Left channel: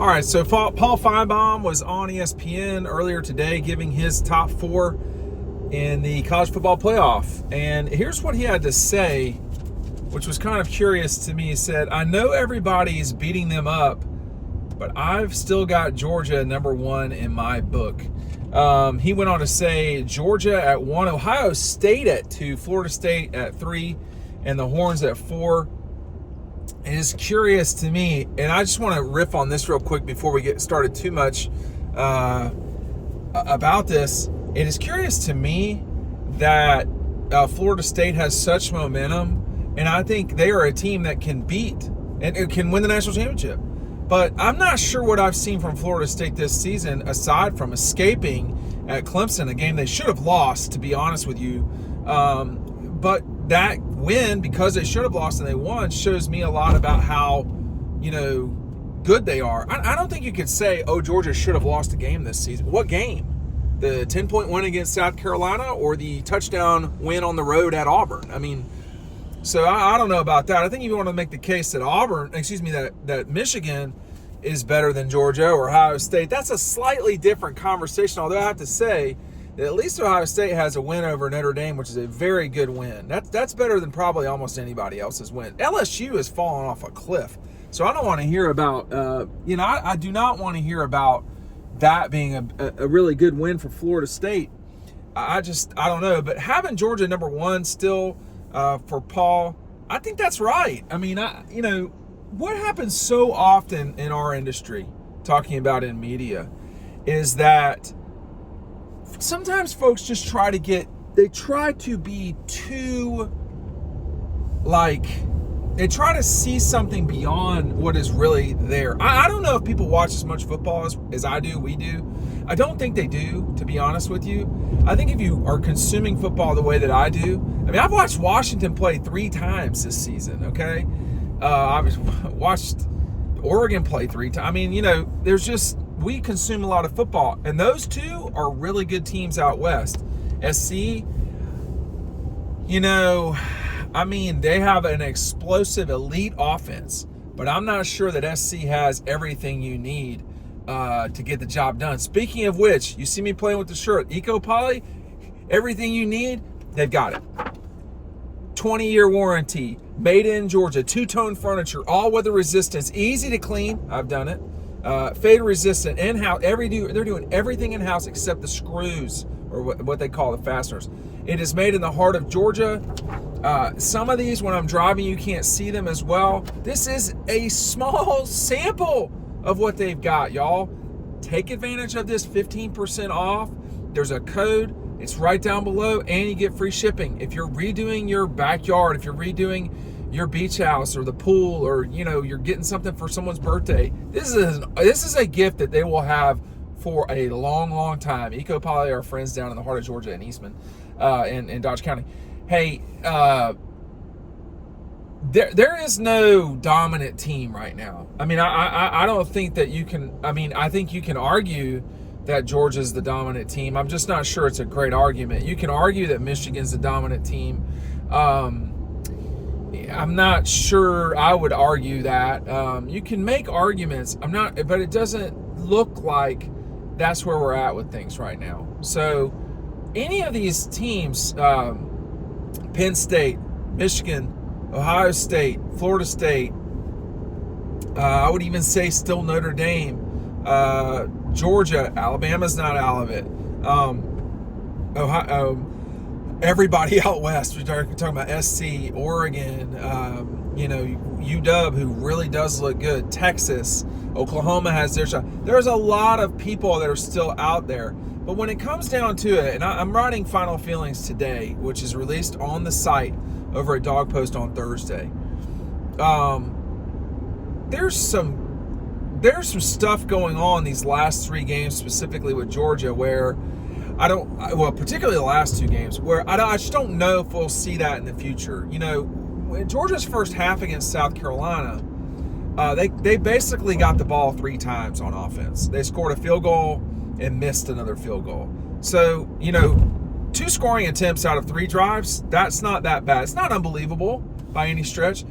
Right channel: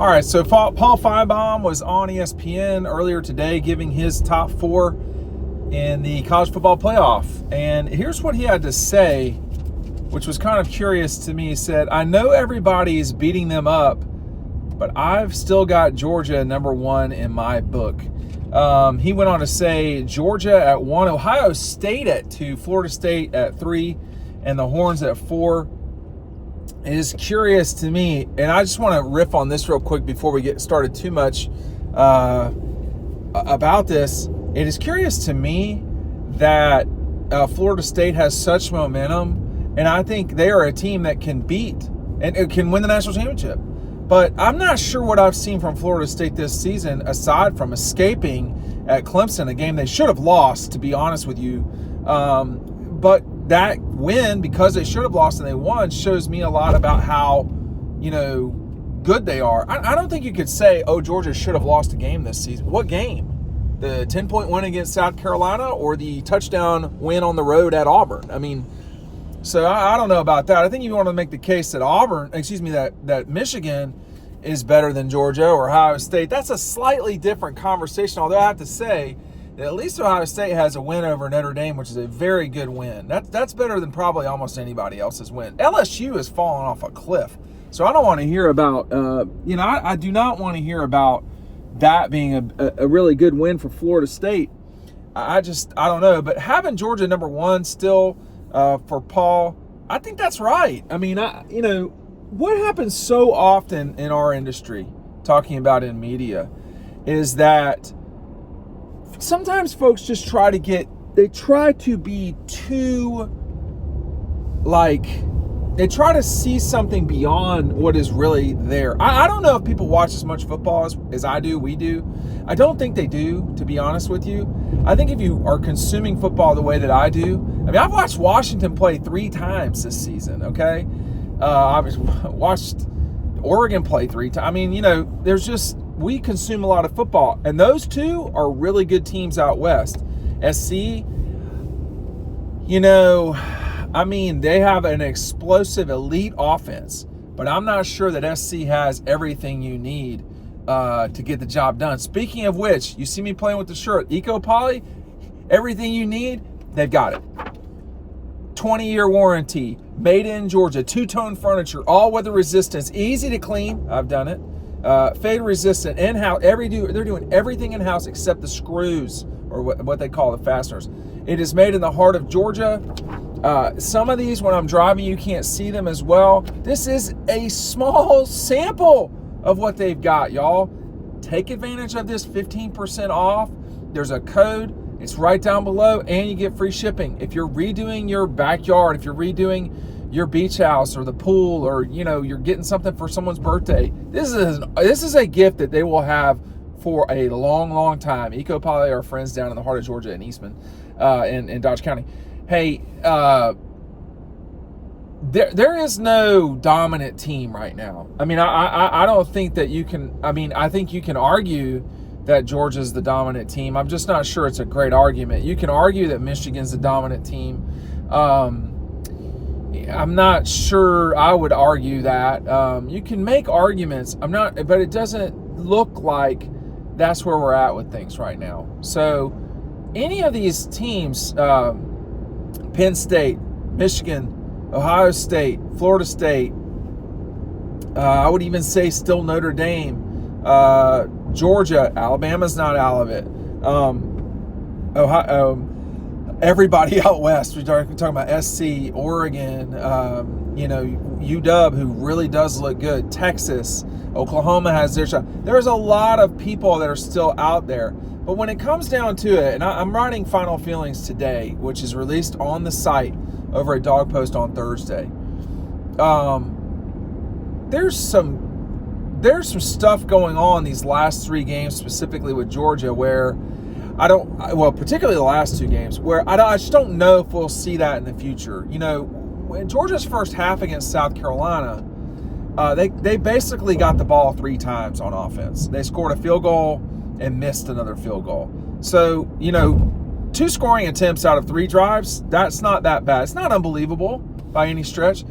All right, so Paul Finebaum was on ESPN earlier today giving his top 4 in the college football playoff. And here's what he had to say, which was kind of curious to me. He said, I know everybody's beating them up, but I've still got Georgia number 1 in my book. He went on to say Georgia at 1, Ohio State at 2, Florida State at 3, and the Horns at 4. It is curious to me, and I just want to riff on this real quick before we get started too much about this. It is curious to me that Florida State has such momentum, and I think they are a team that can beat and can win the national championship. But I'm not sure what I've seen from Florida State this season, aside from escaping at Clemson, a game they should have lost, to be honest with you. But that win, because they should have lost and they won, shows me a lot about how, good they are. I don't think you could say, Georgia should have lost a game this season. What game? The 10-point win against South Carolina or the touchdown win on the road at Auburn? So I don't know about that. I think you want to make the case that that Michigan is better than Georgia or Ohio State. That's a slightly different conversation, although I have to say that at least Ohio State has a win over Notre Dame, which is a very good win. That's better than probably almost anybody else's win. LSU has fallen off a cliff. So I don't want to hear about, I do not want to hear about that being a really good win for Florida State. I don't know. But having Georgia number 1 still for Paul, I think that's right. What happens so often in our industry, talking about in media, is that sometimes folks just try to be too, they try to see something beyond what is really there. I don't know if people watch as much football as I do, we do. I don't think they do, to be honest with you. I think if you are consuming football the way that I do, I've watched Washington play 3 times this season, okay? I've watched Oregon play 3 times. We consume a lot of football, and those 2 are really good teams out west. SC, they have an explosive elite offense, but I'm not sure that SC has everything you need to get the job done. Speaking of which, you see me playing with the shirt, Eco Poly, everything you need, they've got it. 20-year warranty, made in Georgia, 2-tone furniture, all weather resistance, easy to clean. I've done it. Fade resistant, in-house. They're doing everything in-house except the screws, or what they call the fasteners. It is made in the heart of Georgia. Some of these, when I'm driving, you can't see them as well. This is a small sample of what they've got, y'all. Take advantage of this 15% off. There's a code. It's right down below, and you get free shipping. If you're redoing your backyard, if you're redoing your beach house or the pool, or you're getting something for someone's birthday, this is a gift that they will have for a long, long time. Eco Poly, our friends down in the heart of Georgia in Eastman, in Dodge County. Hey, there is no dominant team right now. I don't think that you can. I think you can argue that Georgia's the dominant team. I'm just not sure it's a great argument. You can argue that Michigan's the dominant team. I'm not sure I would argue that. You can make arguments. But it doesn't look like that's where we're at with things right now. So any of these teams, Penn State, Michigan, Ohio State, Florida State, I would even say still Notre Dame, Georgia, Alabama's not out of it. Ohio, everybody out west. We're talking about SC, Oregon, UW, who really does look good. Texas, Oklahoma has their shot. There's a lot of people that are still out there. But when it comes down to it, and I'm writing Final Feelings today, which is released on the site over at Dog Post on Thursday. There's some stuff going on these last 3 games, specifically with Georgia, where particularly the last 2 games, where I just don't know if we'll see that in the future. In Georgia's first half against South Carolina, they basically got the ball 3 times on offense. They scored a field goal and missed another field goal. So, 2 scoring attempts out of 3 drives, that's not that bad. It's not unbelievable by any stretch.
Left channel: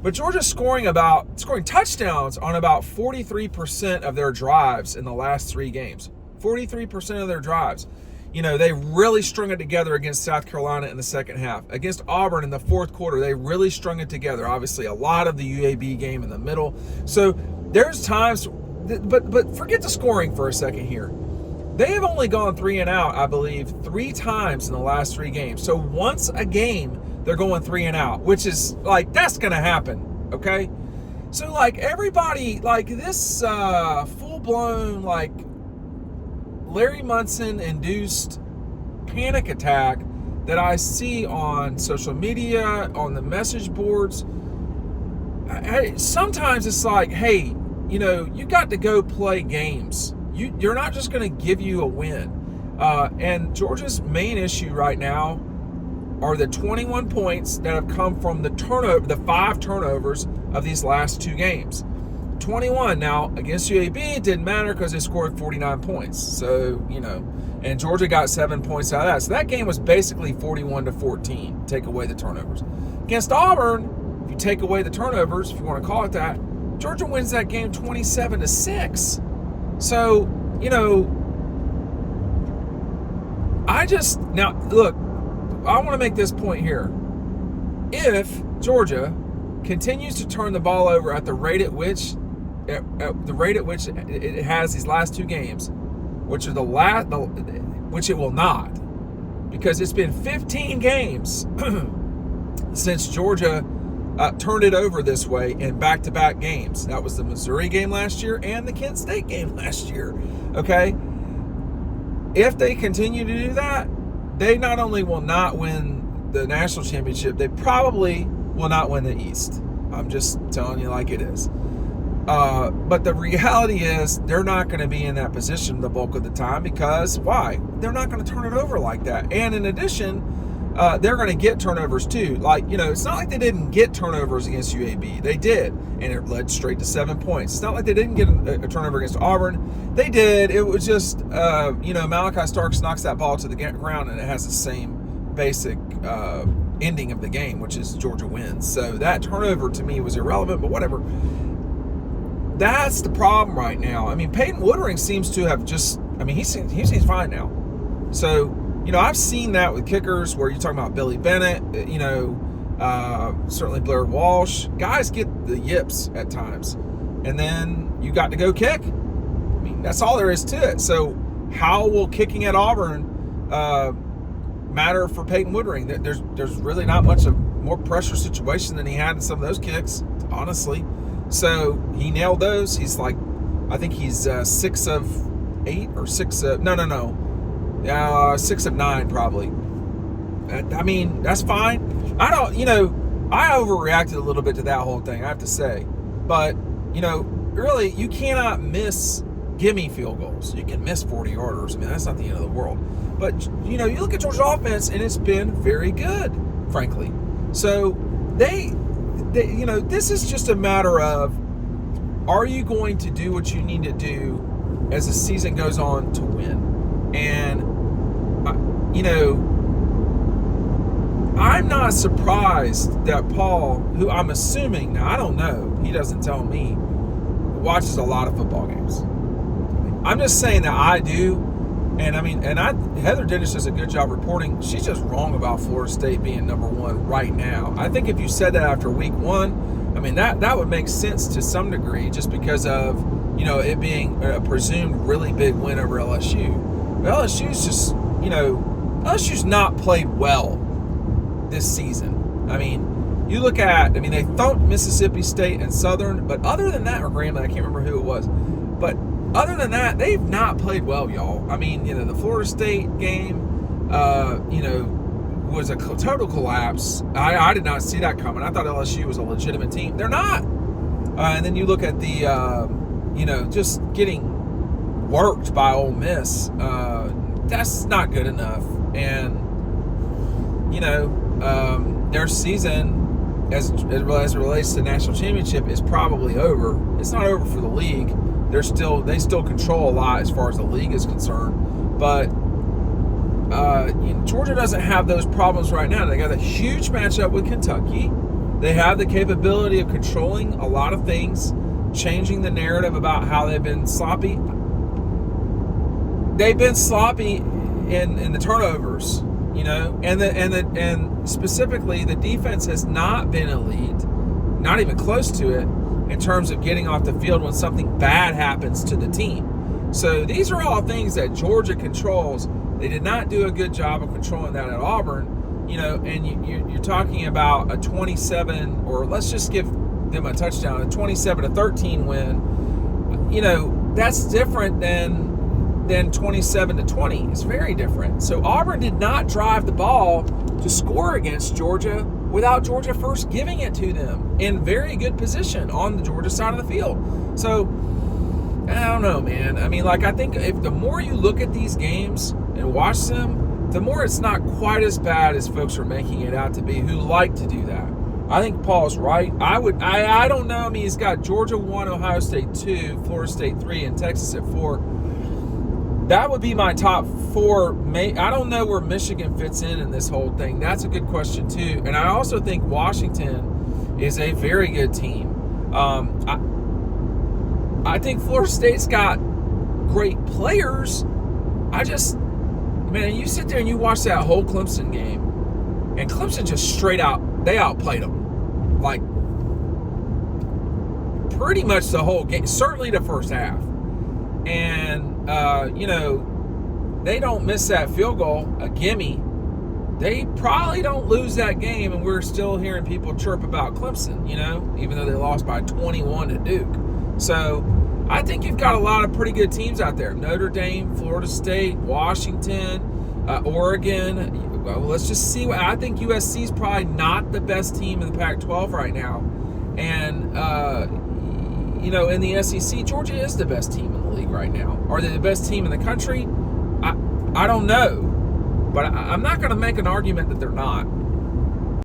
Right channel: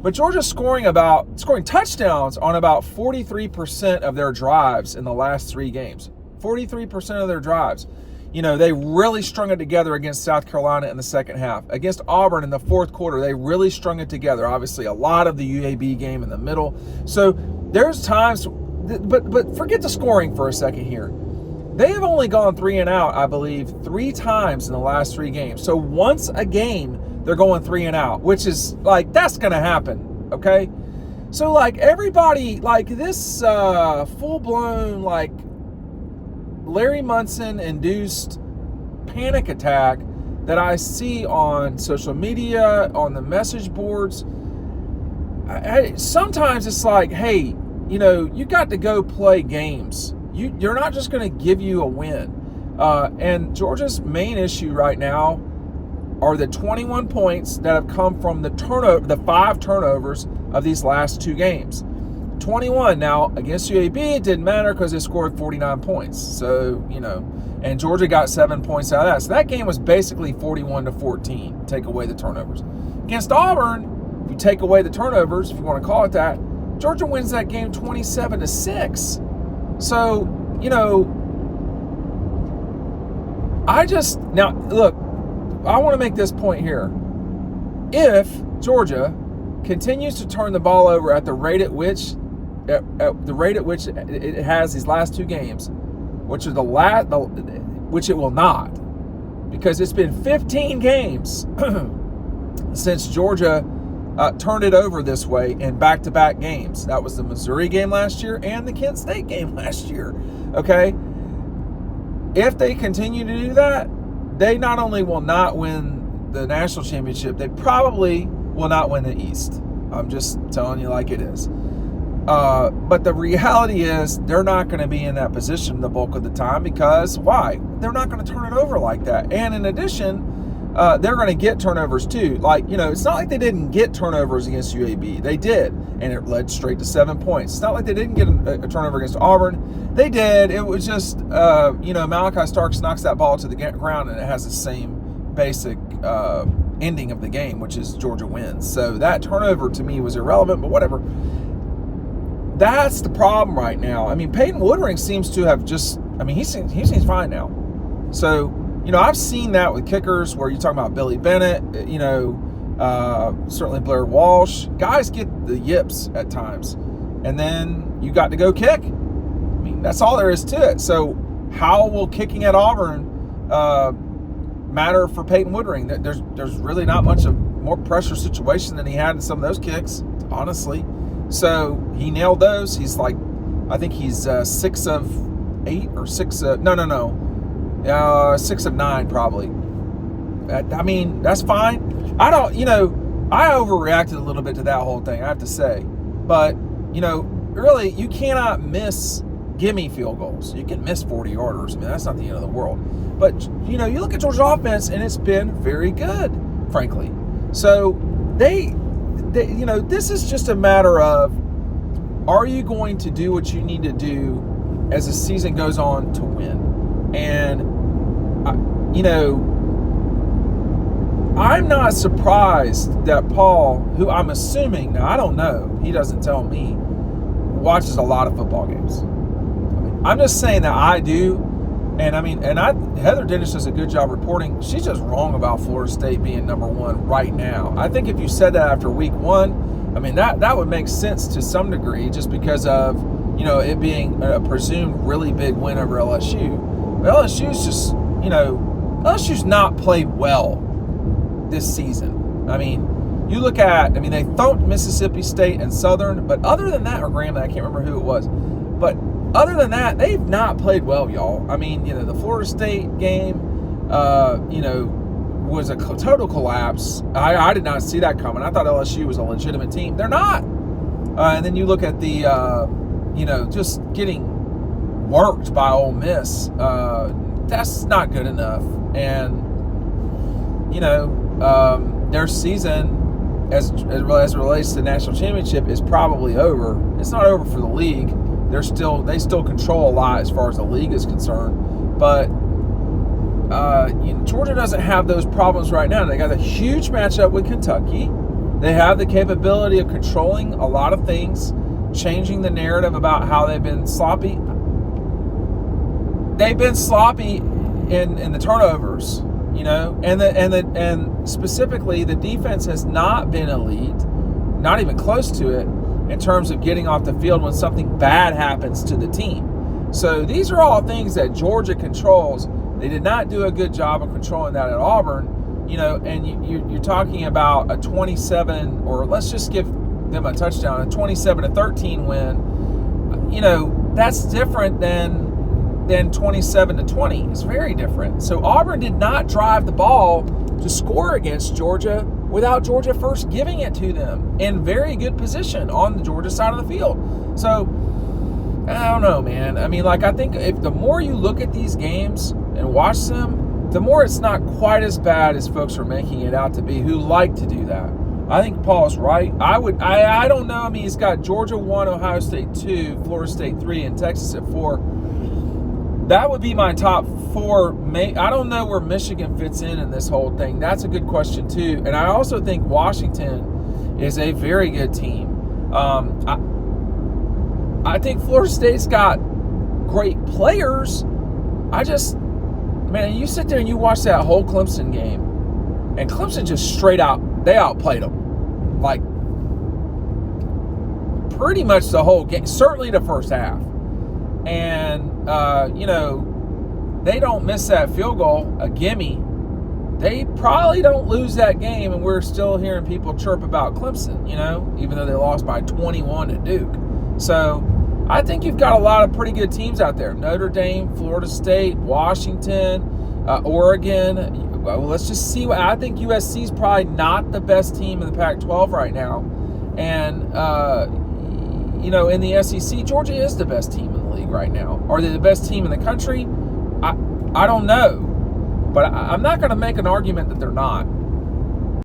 But Georgia's scoring touchdowns on about 43% of their drives in the last 3 games. 43% of their drives. You know, they really strung it together against South Carolina in the second half. Against Auburn in the fourth quarter, they really strung it together. Obviously, a lot of the UAB game in the middle. So there's times, but forget the scoring for a second here. They have only gone 3 and out, I believe, 3 times in the last 3 games. So once a game, they're going 3 and out, which is like, that's going to happen, okay? So like everybody, like this full-blown like Larry Munson induced panic attack that I see on social media, on the message boards, sometimes it's like, hey, you know, you got to go play games. You're not just going to give you a win. And Georgia's main issue right now are the 21 points that have come from the 5 turnovers of these last 2 games. 21. Now, against UAB, it didn't matter because they scored 49 points. So, you know, and Georgia got 7 points out of that. So that game was basically 41-14, take away the turnovers. Against Auburn, if you take away the turnovers, if you want to call it that, Georgia wins that game 27-6. So, you know, now, look, I want to make this point here. If Georgia continues to turn the ball over at the rate at which it has these last 2 games, which it will not, because it's been 15 games since Georgia turned it over this way in back-to-back games. That was the Missouri game last year and the Kent State game last year. Okay, if they continue to do that, they not only will not win the national championship, they probably will not win the East. I'm just telling you like it is. But the reality is they're not going to be in that position the bulk of the time, because why? They're not going to turn it over like that. And in addition, they're going to get turnovers too. Like, you know, it's not like they didn't get turnovers against UAB. They did, and it led straight to 7 points. It's not like they didn't get a turnover against Auburn. They did. It was just, you know, Malachi Starks knocks that ball to the ground, and it has the same basic ending of the game, which is Georgia wins. So that turnover to me was irrelevant, but whatever. That's the problem right now. I mean, Peyton Woodring seems to have just, I mean, he seems fine now. So, you know, I've seen that with kickers where you're talking about Billy Bennett, you know, certainly Blair Walsh. Guys get the yips at times. And then you got to go kick. I mean, that's all there is to it. So how will kicking at Auburn matter for Peyton Woodring? There's really not much of more pressure situation than he had in some of those kicks, honestly. So he nailed those. He's like, I think he's 6 of 8 or 6 of, no, 6 of 9 probably. I mean, that's fine. I don't, you know, I overreacted a little bit to that whole thing, I have to say. But, you know, really, you cannot miss gimme field goals. You can miss 40-yarders. I mean, that's not the end of the world. But, you know, you look at Georgia's offense, and it's been very good, frankly. So they, you know, this is just a matter of, are you going to do what you need to do as the season goes on to win? And, you know, I'm not surprised that Paul, who I'm assuming, now I don't know, he doesn't tell me, watches a lot of football games. I'm just saying that I do. And I mean, Heather Dennis does a good job reporting. She's just wrong about Florida State being number 1 right now. I think if you said that after week 1, I mean, that would make sense to some degree, just because of, you know, it being a presumed really big win over LSU. But LSU's just, you know, LSU's not played well this season. I mean, you look at, I mean, they thumped Mississippi State and Southern, but other than that, or Grambling, I can't remember who it was, but other than that, they've not played well, y'all. I mean, you know, the Florida State game, you know, was a total collapse. I did not see that coming. I thought LSU was a legitimate team. They're not. And then you look at the, you know, just getting worked by Ole Miss. That's not good enough. And, you know, their season, as it relates to the national championship, is probably over. It's not over for the league. They still control a lot as far as the league is concerned, but you know, Georgia doesn't have those problems right now. They got a huge matchup with Kentucky, They have the capability of controlling a lot of things, changing the narrative about how they've been sloppy. They've been sloppy in the turnovers, and specifically the defense has not been elite, not even close to it, in terms of getting off the field when something bad happens to the team. So these are all things that Georgia controls. They did not do a good job of controlling that at Auburn. And you're talking about a 27, or let's just give them a touchdown, a 27-13 win. That's different than 27-20. It's very different. So Auburn did not drive the ball to score against Georgia without Georgia first giving it to them in very good position on the Georgia side of the field. So I don't know, man. I think if the more you look at these games and watch them, the more it's not quite as bad as folks are making it out to be who like to do that. I think Paul is right. I don't know. He's got Georgia 1, Ohio State 2, Florida State 3, and Texas at 4. That would be my top 4. I don't know where Michigan fits in this whole thing. That's a good question, too. And I also think Washington is a very good team. I think Florida State's got great players. Man, you sit there and you watch that whole Clemson game, and Clemson just straight out, they outplayed them. Like, pretty much the whole game, certainly the first half. And, they don't miss that field goal, a gimme. They probably don't lose that game, and we're still hearing people chirp about Clemson, even though they lost by 21 to Duke. So I think you've got a lot of pretty good teams out there. Notre Dame, Florida State, Washington, Oregon. Well, let's just see. I think USC is probably not the best team in the Pac-12 right now. And, in the SEC, Georgia is the best team in the league right now. Are they the best team in the country? I don't know. But I'm not going to make an argument that they're not.